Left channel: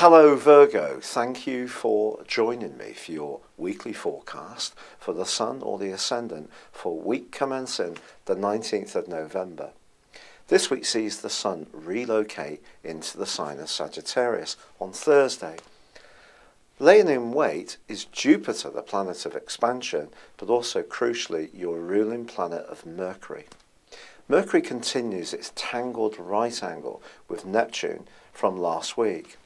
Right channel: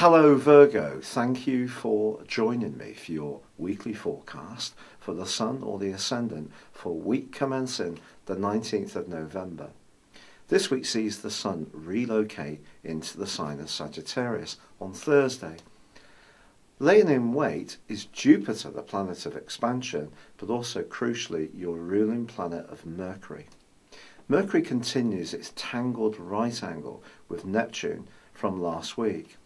Hello Virgo, thank you for joining me for your weekly forecast for the Sun or the Ascendant for week commencing the 19th of November. This week sees the Sun relocate into the sign of Sagittarius on Thursday. Laying in wait is Jupiter, the planet of expansion, but also crucially your ruling planet of Mercury. Mercury continues its tangled right angle with Neptune from last week.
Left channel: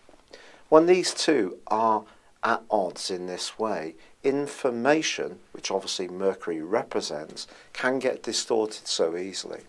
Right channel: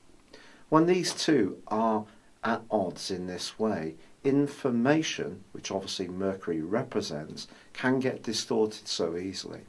When these two are at odds in this way, information, which obviously Mercury represents, can get distorted so easily.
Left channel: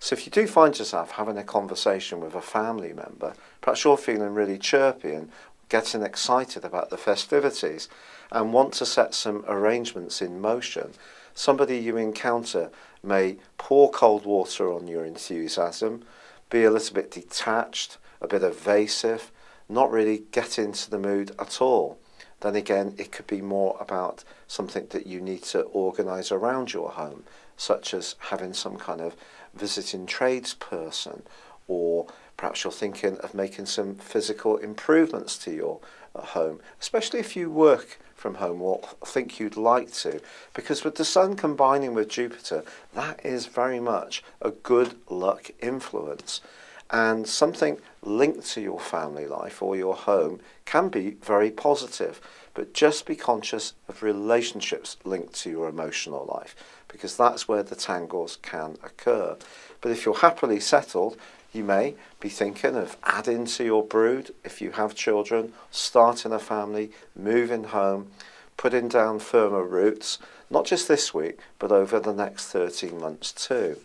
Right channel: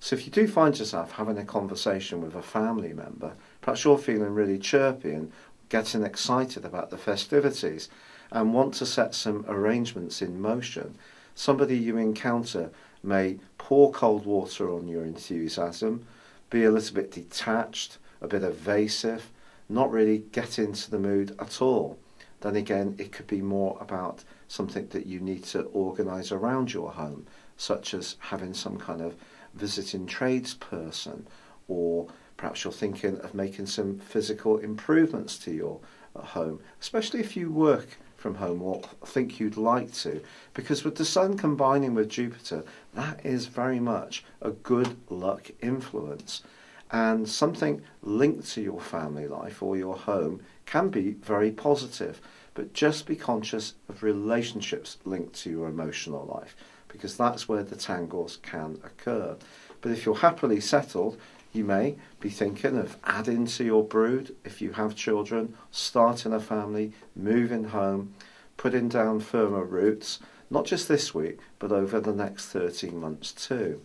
So if you do find yourself having a conversation with a family member, perhaps you're feeling really chirpy and getting excited about the festivities and want to set some arrangements in motion, somebody you encounter may pour cold water on your enthusiasm, be a little bit detached, a bit evasive, not really get into the mood at all. Then again, it could be more about something that you need to organise around your home, such as having some kind of visiting tradesperson, or perhaps you're thinking of making some physical improvements to your home, especially if you work from home or think you'd like to, because with the Sun combining with Jupiter, that is very much a good luck influence. And something linked to your family life or your home can be very positive, but just be conscious of relationships linked to your emotional life, because that's where the tangles can occur. But if you're happily settled, you may be thinking of adding to your brood if you have children, starting a family, moving home, putting down firmer roots, not just this week, but over the next 13 months too.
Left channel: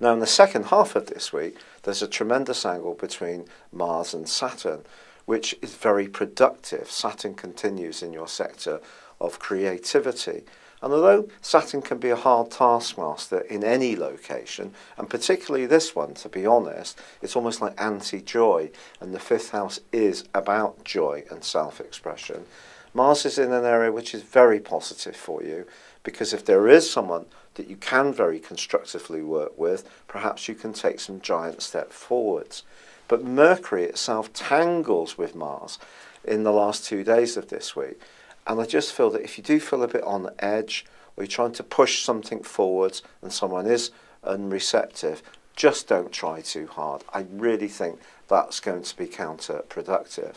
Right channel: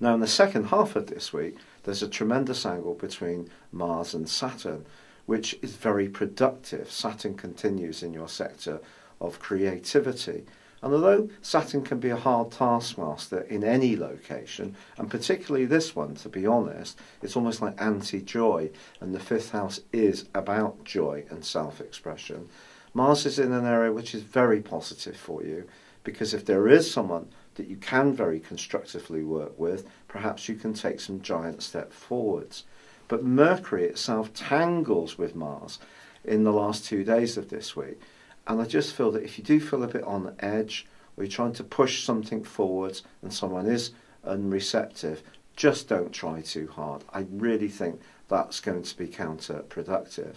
Now, in the second half of this week, there's a tremendous angle between Mars and Saturn, which is very productive. Saturn continues in your sector of creativity. And although Saturn can be a hard taskmaster in any location, and particularly this one, to be honest, it's almost like anti-joy, and the fifth house is about joy and self-expression, Mars is in an area which is very positive for you, because if there is someone that you can very constructively work with, perhaps you can take some giant steps forwards. But Mercury itself tangles with Mars in the last 2 days of this week. And I just feel that if you do feel a bit on the edge, or you're trying to push something forwards and someone is unreceptive, just don't try too hard. I really think that's going to be counterproductive.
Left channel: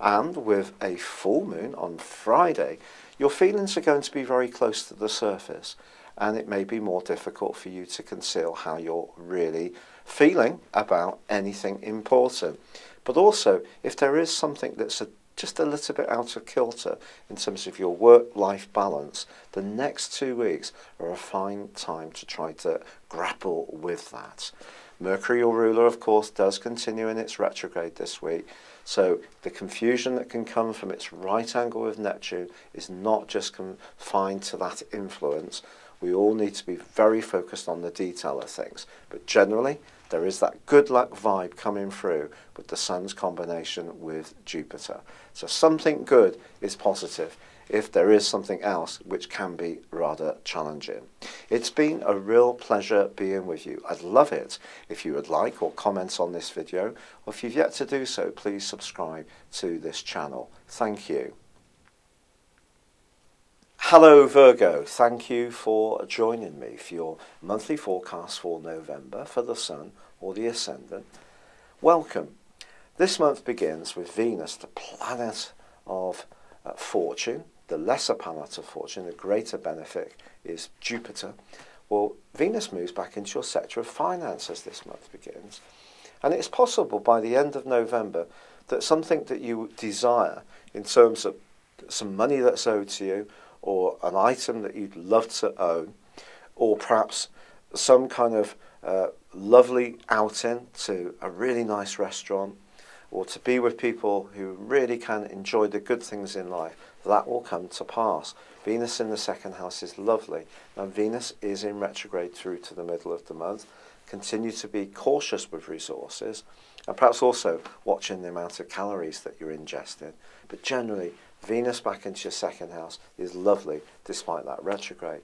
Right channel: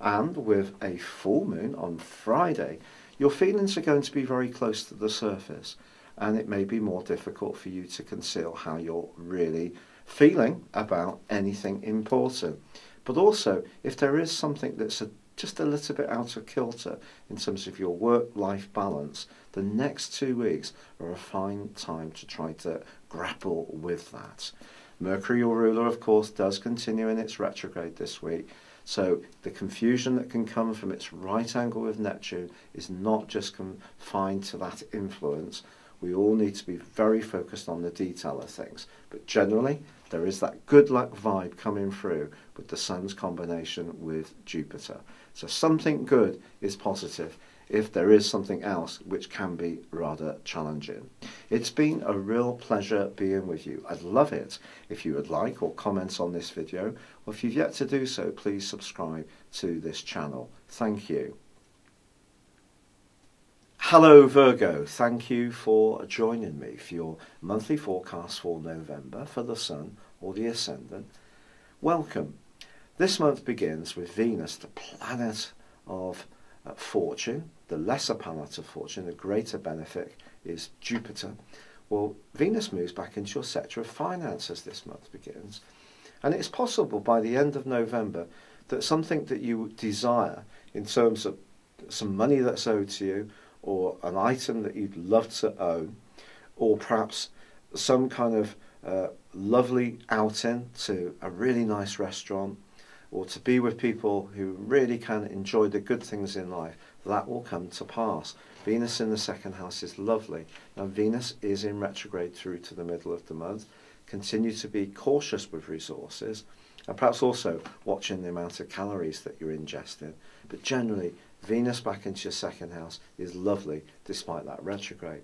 And with a full moon on Friday, your feelings are going to be very close to the surface, and it may be more difficult for you to conceal how you're really feeling about anything important. But also, if there is something that's just a little bit out of kilter in terms of your work-life balance, the next 2 weeks are a fine time to try to grapple with that. Mercury, your ruler, of course, does continue in its retrograde this week. So the confusion that can come from its right angle with Neptune is not just confined to that influence. We all need to be very focused on the detail of things. But generally, there is that good luck vibe coming through with the Sun's combination with Jupiter. So something good is positive if there is something else which can be rather challenging. It's been a real pleasure being with you. I'd love it if you would like or comment on this video, or if you've yet to do so, please subscribe to this channel. Thank you. Hello Virgo, thank you for joining me for your monthly forecast for November for the Sun or the Ascendant. Welcome. This month begins with Venus, the planet of fortune, the lesser planet of fortune. The greater benefit is Jupiter. Well, Venus moves back into your sector of finance as this month begins, and it's possible by the end of November that something that you desire in terms of some money that's owed to you, or an item that you'd love to own, or perhaps some kind of lovely outing to a really nice restaurant, or to be with people who really can enjoy the good things in life, that will come to pass. Venus in the second house is lovely. Now, Venus is in retrograde through to the middle of the month. Continue to be cautious with resources, and perhaps also watching the amount of calories that you're ingesting. But generally, Venus back into your second house is lovely despite that retrograde.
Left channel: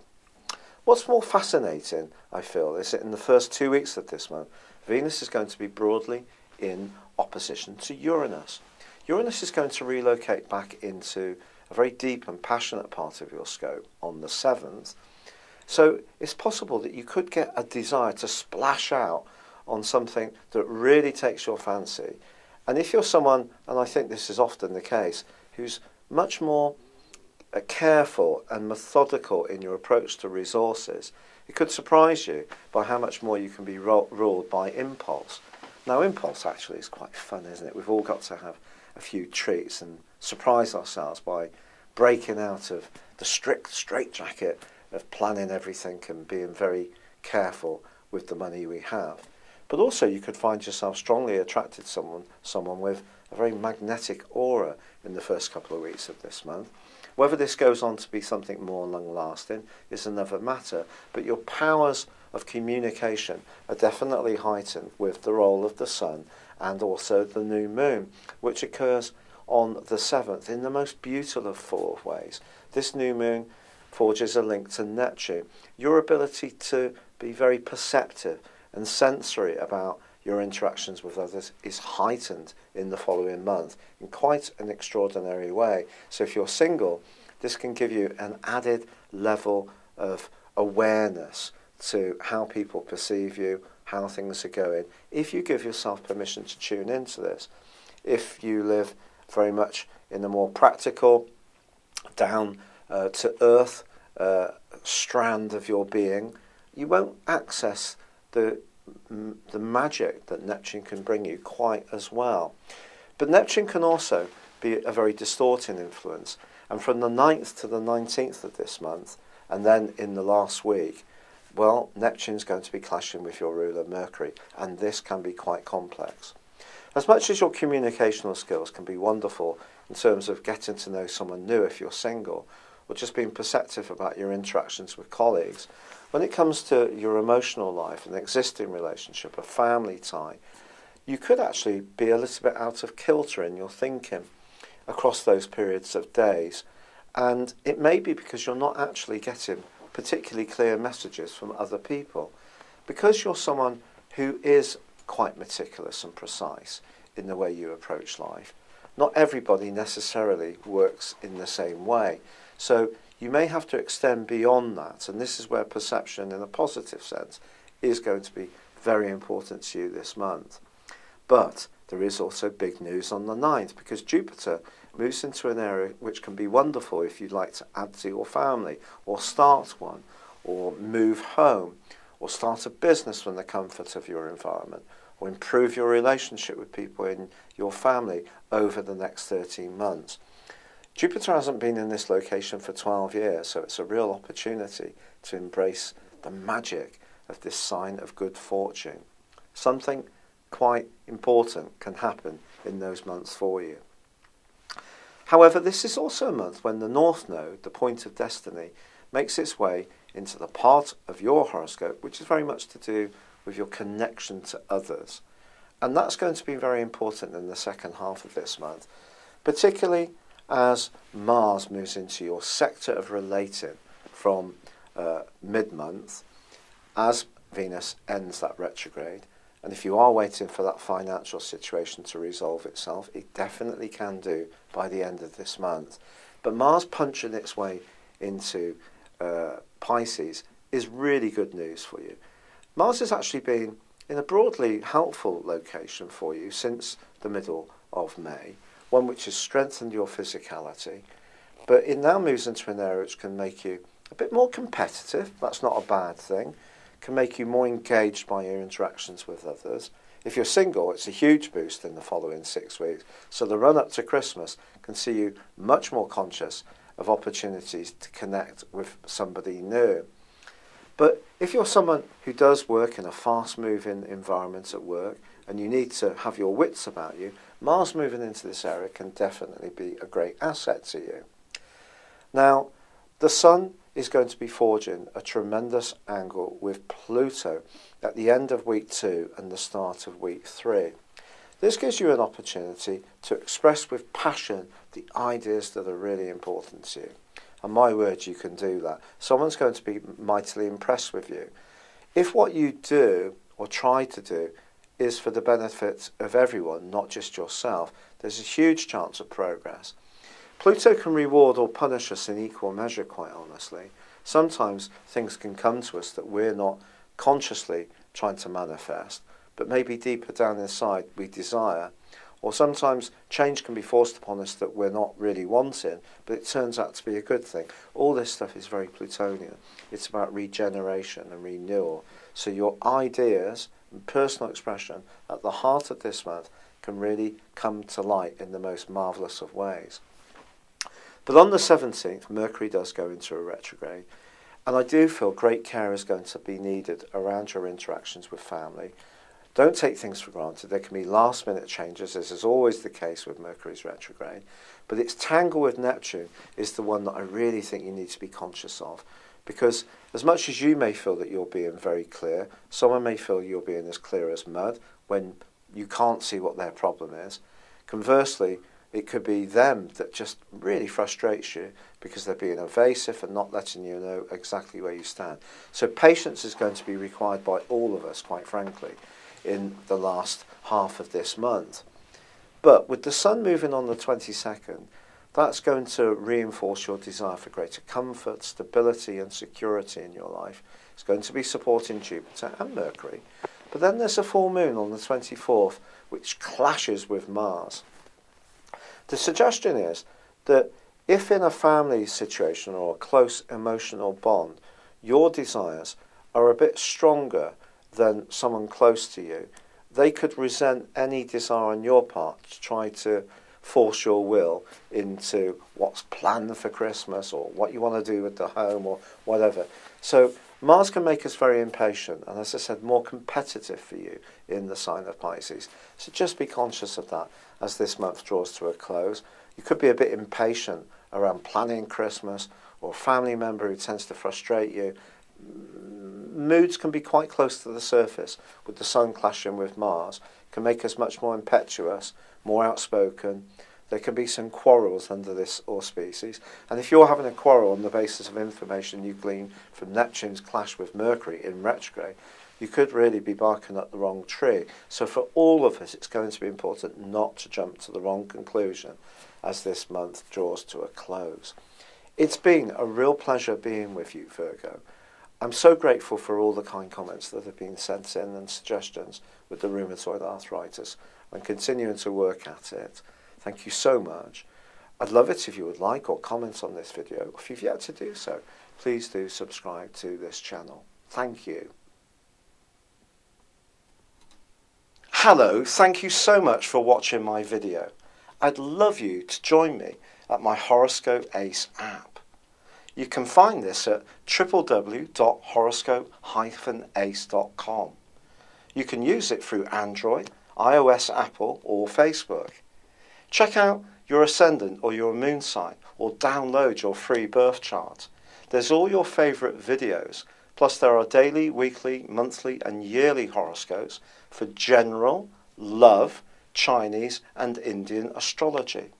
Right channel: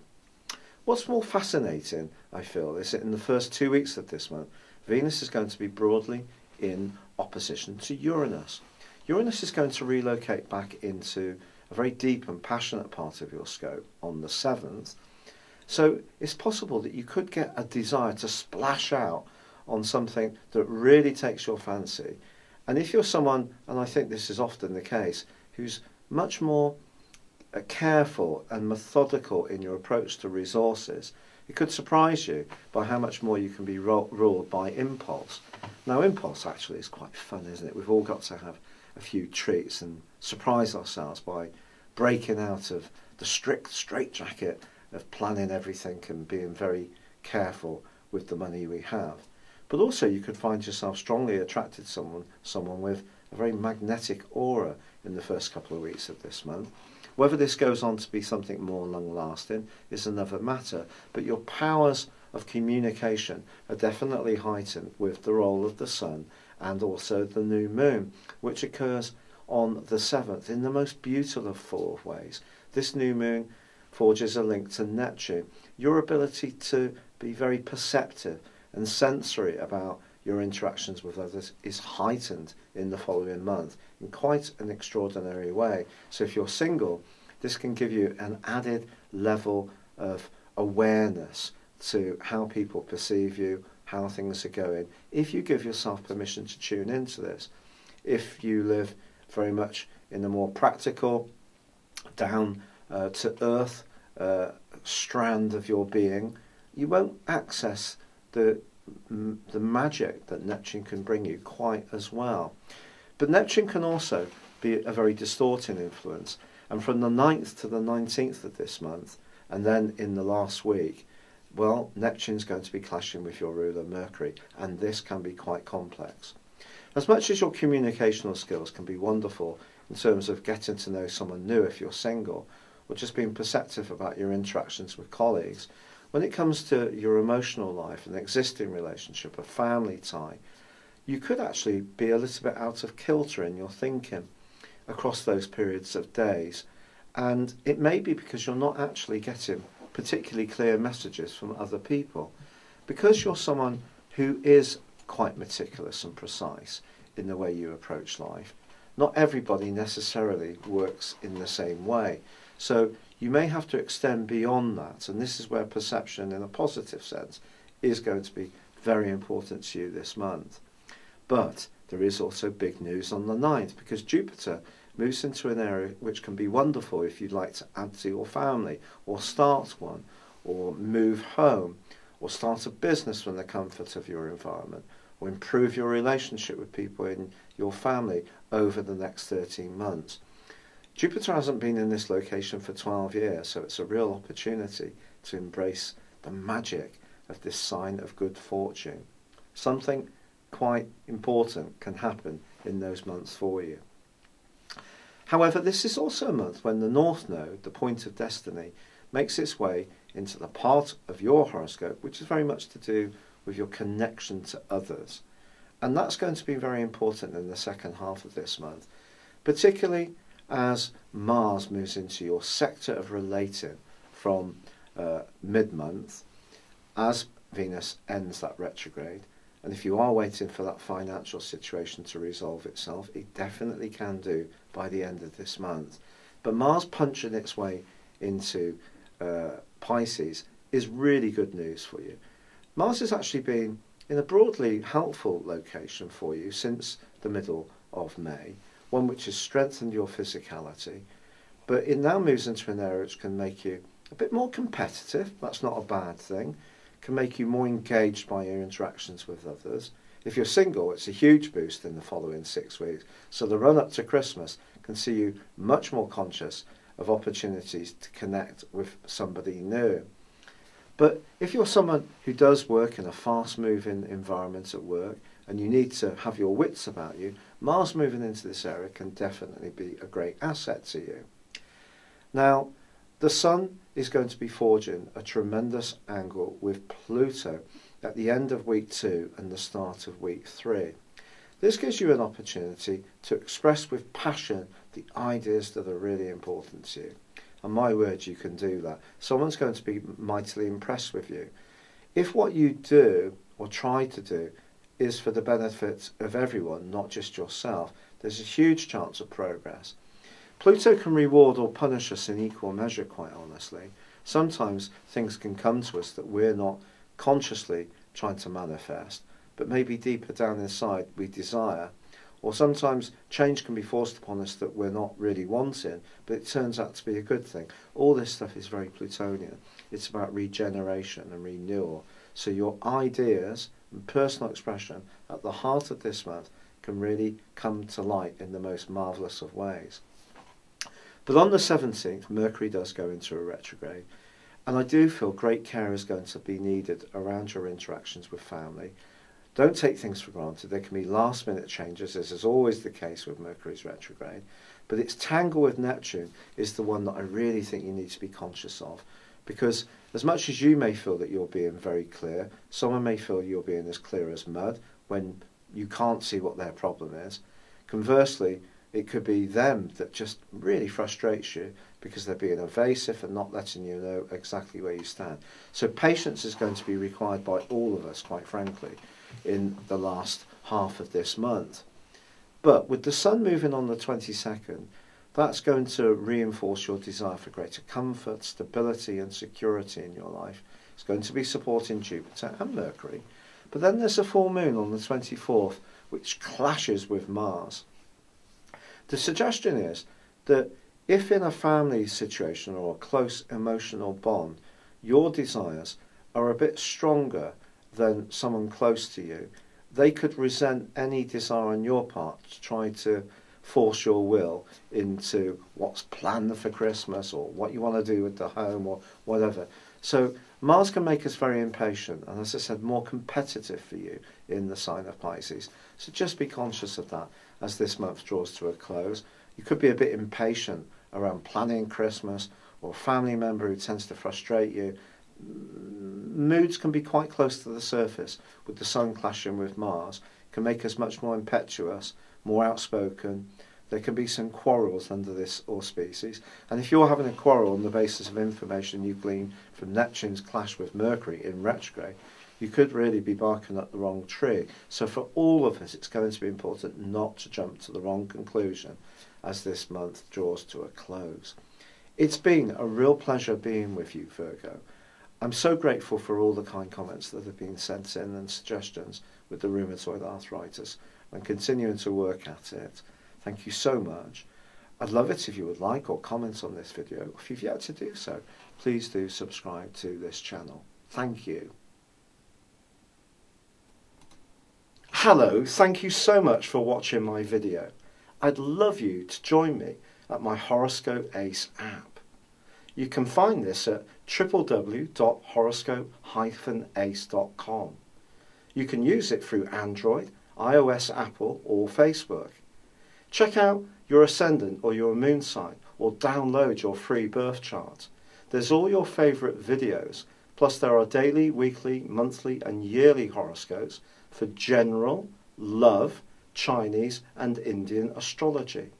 What's more fascinating, I feel, is that in the first 2 weeks of this month, Venus is going to be broadly in opposition to Uranus. Uranus is going to relocate back into a very deep and passionate part of your scope on the 7th. So it's possible that you could get a desire to splash out on something that really takes your fancy. And if you're someone, and I think this is often the case, who's much more careful and methodical in your approach to resources, it could surprise you by how much more you can be ruled by impulse. Now, impulse actually is quite fun, isn't it? We've all got to have a few treats and surprise ourselves by breaking out of the strict straitjacket of planning everything and being very careful with the money we have. But also you could find yourself strongly attracted to someone with a very magnetic aura in the first couple of weeks of this month. Whether this goes on to be something more long-lasting is another matter, but your powers of communication are definitely heightened with the role of the sun and also the new moon, which occurs on the 7th in the most beautiful of ways. This new moon forges a link to Neptune. Your ability to be very perceptive and sensory about your interactions with others is heightened in the following month in quite an extraordinary way. So if you're single, this can give you an added level of awareness to how people perceive you, how things are going, if you give yourself permission to tune into this. If you live very much in a more practical, down to earth strand of your being, you won't access the magic that Neptune can bring you quite as well. But Neptune can also be a very distorting influence, and from the 9th to the 19th of this month, and then in the last week, well, Neptune's going to be clashing with your ruler Mercury, and this can be quite complex. As much as your communicational skills can be wonderful in terms of getting to know someone new if you're single, or just being perceptive about your interactions with colleagues, when it comes to your emotional life, an existing relationship, a family tie, you could actually be a little bit out of kilter in your thinking across those periods of days. And it may be because you're not actually getting particularly clear messages from other people. Because you're someone who is quite meticulous and precise in the way you approach life, not everybody necessarily works in the same way. So you may have to extend beyond that, and this is where perception in a positive sense is going to be very important to you this month. But there is also big news on the 9th, because Jupiter moves into an area which can be wonderful if you'd like to add to your family, or start one, or move home, or start a business from the comfort of your environment, or improve your relationship with people in your family over the next 13 months. Jupiter hasn't been in this location for 12 years, so it's a real opportunity to embrace the magic of this sign of good fortune. Something quite important can happen in those months for you. However, this is also a month when the North Node, the point of destiny, makes its way into the part of your horoscope which is very much to do with your connection to others. And that's going to be very important in the second half of this month, particularly as Mars moves into your sector of relating from mid-month, as Venus ends that retrograde. And if you are waiting for that financial situation to resolve itself, it definitely can do by the end of this month. But Mars punching its way into Pisces is really good news for you. Mars has actually been in a broadly helpful location for you since the middle of May, one which has strengthened your physicality, but it now moves into an area which can make you a bit more competitive. That's not a bad thing. Can make you more engaged by your interactions with others. If you're single, it's a huge boost in the following 6 weeks. So the run-up to Christmas can see you much more conscious of opportunities to connect with somebody new. But if you're someone who does work in a fast-moving environment at work and you need to have your wits about you, Mars moving into this area can definitely be a great asset to you. Now, the Sun is going to be forging a tremendous angle with Pluto at the end of week 2 and the start of week 3. This gives you an opportunity to express with passion the ideas that are really important to you. And my word, you can do that. Someone's going to be mightily impressed with you. If what you do or try to do is for the benefit of everyone, not just yourself, there's a huge chance of progress. Pluto can reward or punish us in equal measure, quite honestly. Sometimes things can come to us that we're not consciously trying to manifest, but maybe deeper down inside we desire. Or sometimes change can be forced upon us that we're not really wanting, but it turns out to be a good thing. All this stuff is very Plutonian. It's about regeneration and renewal. So your ideas and personal expression at the heart of this month can really come to light in the most marvellous of ways. But on the 17th, Mercury does go into a retrograde, and I do feel great care is going to be needed around your interactions with family. Don't take things for granted. There can be last-minute changes, as is always the case with Mercury's retrograde. But its tangle with Neptune is the one that I really think you need to be conscious of. Because as much as you may feel that you're being very clear, someone may feel you're being as clear as mud when you can't see what their problem is. Conversely, it could be them that just really frustrates you because they're being evasive and not letting you know exactly where you stand. So patience is going to be required by all of us, quite frankly, in the last half of this month. But with the Sun moving on the 22nd, that's going to reinforce your desire for greater comfort, stability and security in your life. It's going to be supporting Jupiter and Mercury. But then there's a full moon on the 24th, which clashes with Mars. The suggestion is that if in a family situation or a close emotional bond, your desires are a bit stronger than someone close to you, they could resent any desire on your part to try to force your will into what's planned for Christmas or what you want to do with the home or whatever. So Mars can make us very impatient and, as I said, more competitive for you in the sign of Pisces. So just be conscious of that as this month draws to a close. You could be a bit impatient around planning Christmas, or a family member who tends to frustrate you. Moods can be quite close to the surface with the Sun clashing with Mars. Can make us much more impetuous, more outspoken. There can be some quarrels under this auspices. And if you're having a quarrel on the basis of information you glean from Neptune's clash with Mercury in retrograde, you could really be barking up the wrong tree. So for all of us, it's going to be important not to jump to the wrong conclusion as this month draws to a close. It's been a real pleasure being with you, Virgo. I'm so grateful for all the kind comments that have been sent in and suggestions with the rheumatoid arthritis. I'm continuing to work at it. Thank you so much. I'd love it if you would like or comment on this video. If you've yet to do so, please do subscribe to this channel. Thank you. Hello, thank you so much for watching my video. I'd love you to join me at my Horoscope Ace app. You can find this at www.horoscope-ace.com. You can use it through Android, iOS, Apple or Facebook. Check out your ascendant or your moon sign or download your free birth chart. There's all your favourite videos, plus there are daily, weekly, monthly and yearly horoscopes for general, love, Chinese and Indian astrology.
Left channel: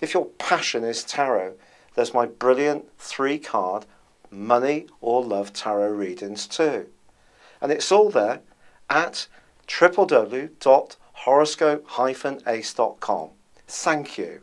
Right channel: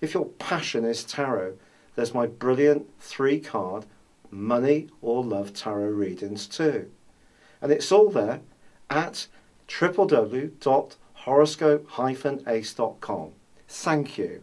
If your passion is tarot, there's my brilliant 3-card money or love tarot readings too. And it's all there at www.horoscope-ace.com. Thank you.